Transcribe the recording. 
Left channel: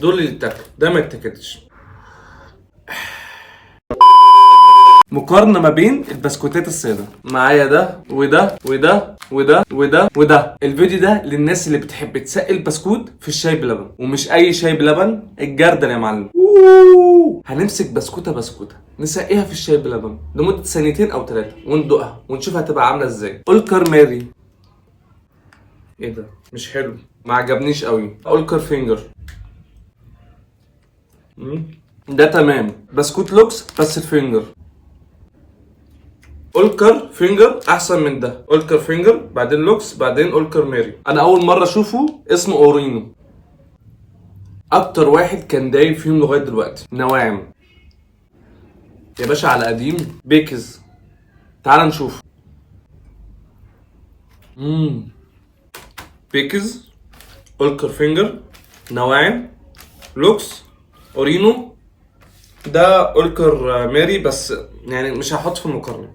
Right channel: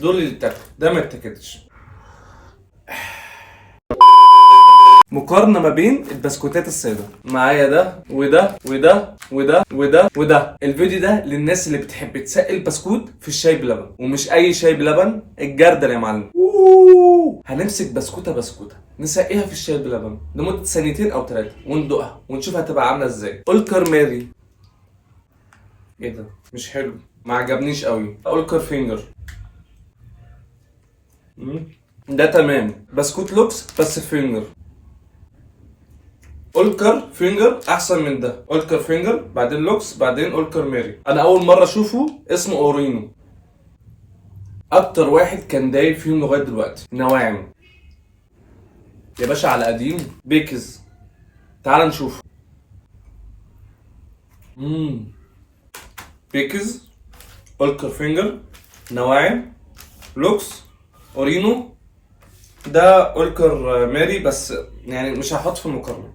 دول اللي يتاكلوا، ده ما يتاكلش. مقارنة ما بين البسكوتات السادة. معايا ده وده وده وده وده وده. الفيديو ده للناس اللي بتحب تسقي البسكوت في الشاي بلبن، ومش اي شاي بلبن، الجردل يا معلم. هنمسك بسكوتة بسكوتة نسقيها في الشاي بلبن لمدة ثانيتين او 3 وندوقها ونشوف هتبقى عاملة ازاي. اولكر ماري. ايه ده؟ مش حلو، ما عجبنيش قوي. اولكر فينجر. ده تمام. بسكوت لوكس بس فينجر. اولكر فينجر احسن من ده. اولكر فينجر بعدين لوكس بعدين اولكر ماري. انا اول مره اشوفه اسمه اورينو. اكتر واحد كان دايب فيهم لغايه دلوقتي نواعم يا باشا. على قديم بيكز. تعال نشوف. بيكز، اولكر فينجر، نواعم، لوكس، اورينو. ده اولكر ماري بس يعني مش هحط في المقارنه.